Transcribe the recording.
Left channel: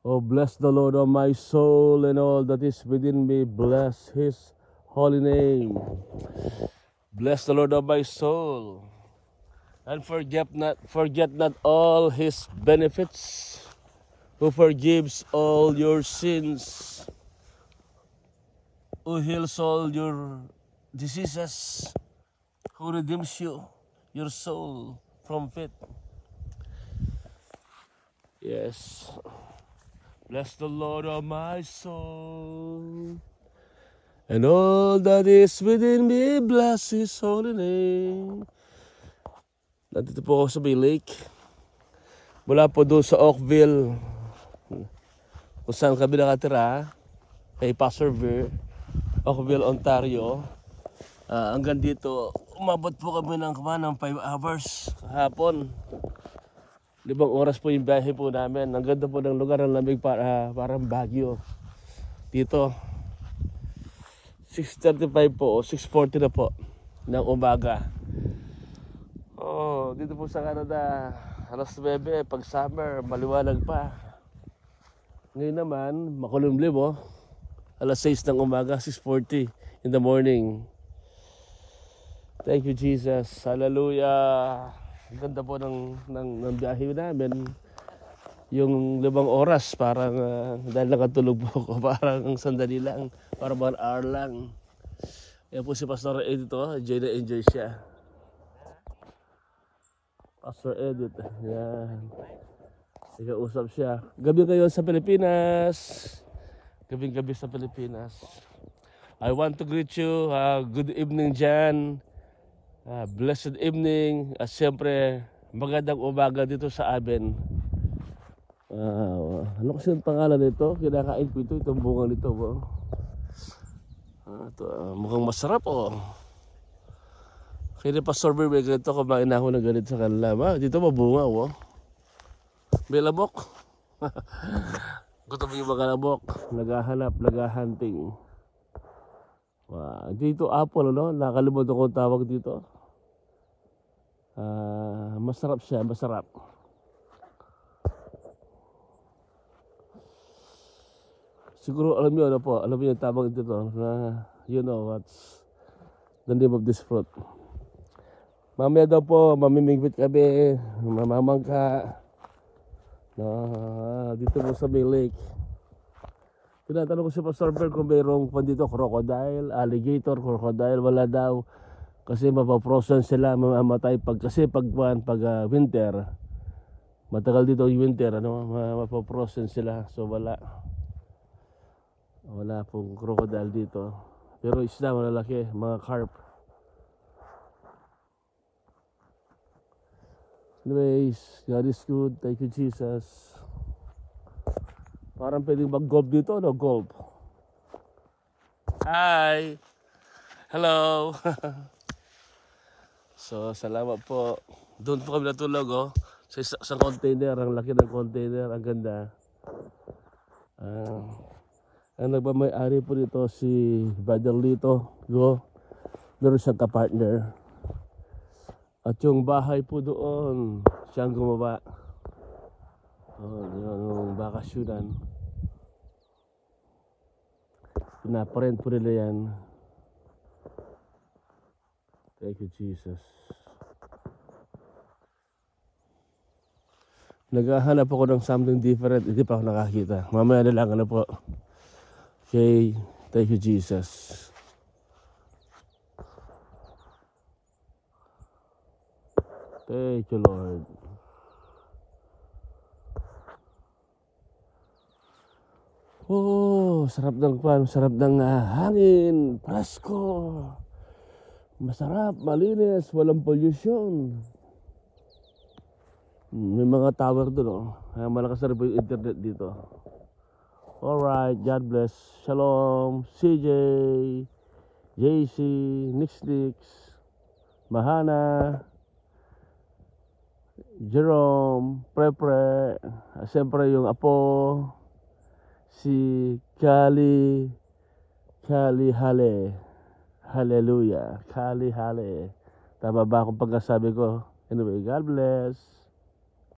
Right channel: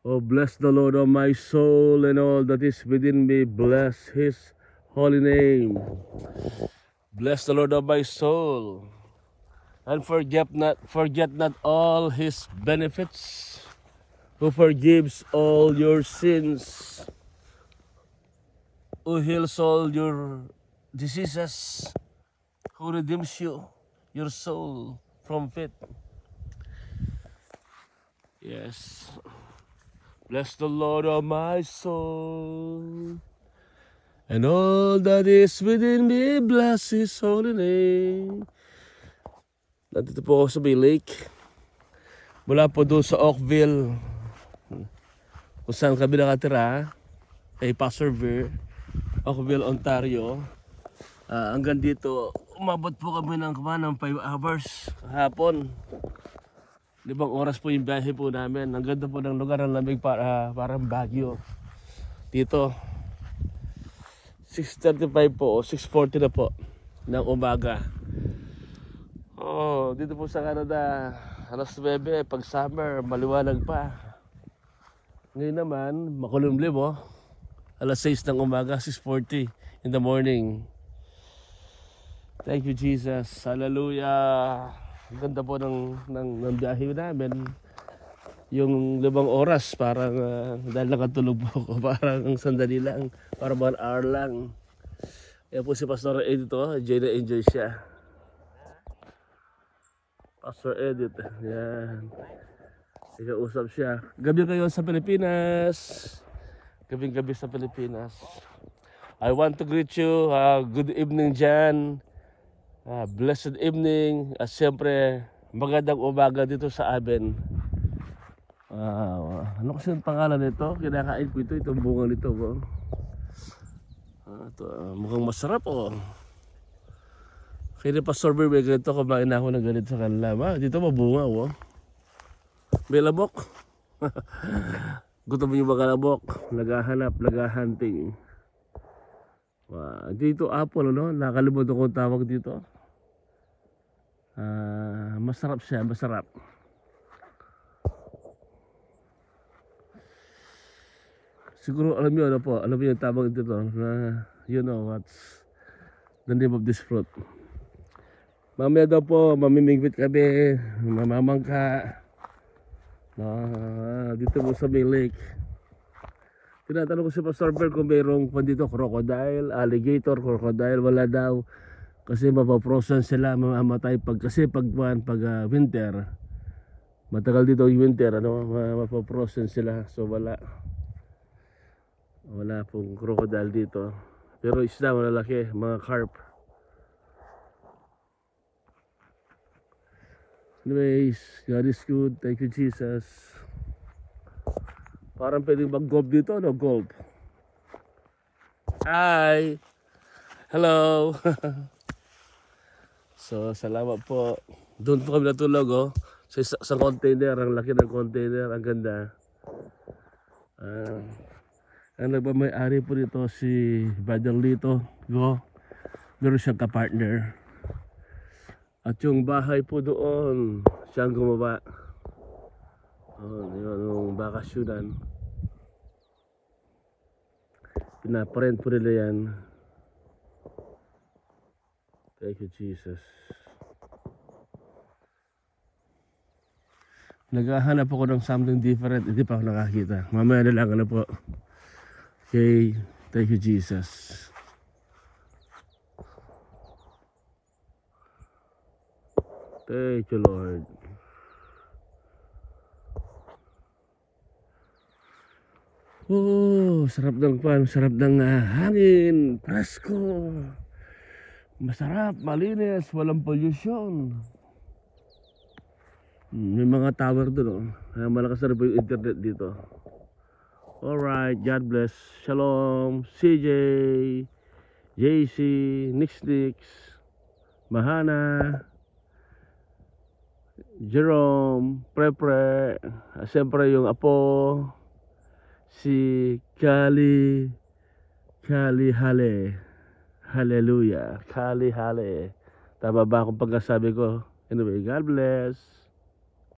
Oh, bless the Lord, O my soul, and all that is within me. Bless His holy name. Bless the Lord, O my soul, and forget not all His benefits, who forgives all your sins, who heals all your diseases, who redeems you, your soul from pit. Yes. Bless the Lord, O my soul, and all that is within me. Bless His holy name. Nandito po ako sa Bay Lake. Mula po doon sa Oakville, kung saan kami nakatira, kay Pastor Ver, Oakville, Ontario. Hanggang dito, umabot po kami ng 5 hours hapon. 5 oras po yung biyahe po namin. Ang ganda po ng lugar, ng lamig parang Baguio. Dito, 6:35 po o 6:40 na po ng umaga. Oh, dito po sa Canada, alas 9, pag summer, maliwanag pa. Ngayon naman, makulimlim oh. Alas 6 ng umaga, 6:40 in the morning. Thank you, Jesus. Hallelujah. Ang ganda po ng biyahe namin. Yung 5 oras, parang dahil nakatulog po ako, parang sandali lang, parang 1 hour lang. Yan po si Pastor Ed ito, enjoy na enjoy siya. Pastor Edit, yan. Ikausap siya. Gabi kayo sa Pilipinas. Gabing-gabi sa Pilipinas. I want to greet you. Good evening dyan. Blessed evening. At siyempre, magandang umaga dito sa amin. Ano kasi ang pangalan nito? Kinakain ko ito. Itong bunga nito. Mukhang masarap oh. Kaya ni Pastor Ver, may ganito, kumain na ako ng ganito sa kanila. Dito mabunga oh. May labok. Gutom yung mga labok. Naghahanap, naghahunting. Dito apple, ano? Nakalimutan ko ang tawag dito. Masarap siya, masarap. Siguro alam niyo ano po, alam niyo yung tawag dito na you know what's the name of this fruit. Mamaya daw po, mamimigwit kami, mamamangka. Dito po sa Bay Lake. Tinatanong ko si Pastor Ver kung mayroong pa dito crocodile, alligator, crocodile, wala daw. Kasi mapaprosen sila, mamamatay kasi pag winter, matagal dito yung winter, ano, mapaprosen sila. So wala pong crocodile dito. Pero isda malalaki, mga carp. Anyways, God is good. Thank you, Jesus. Parang pwedeng mag-golf dito, no? Golf. Hi! Hello! So, salamat po. Doon po kami natulog, oh. Sa container. Ang laki ng container. Ang ganda. Ang nagmamay-ari po dito si Brother Lito. Meron siyang ka-partner. At yung bahay po doon, siyang gumawa. Yung bakasyonan. Pinaparent po nila yan. Thank you, Jesus. Naghahanap ako ng something different. Hindi pa ako nakakita. Mamaya na lang, ano po. Okay. Thank you, Jesus. Thank you, Lord. Oh, sarap ng sarap ng hangin, presko. Masarap, malinis, walang pollution. May mga tower doon, oh. Malakas na rin po yung internet dito. Alright, God bless. Shalom, CJ, JC, Nix, Mahana, Jerome, Pre, siyempre yung apo, si Kali Hale. Hallelujah. Kali Hale. Tama ba akong pagkasabi ko? Anyway, God bless.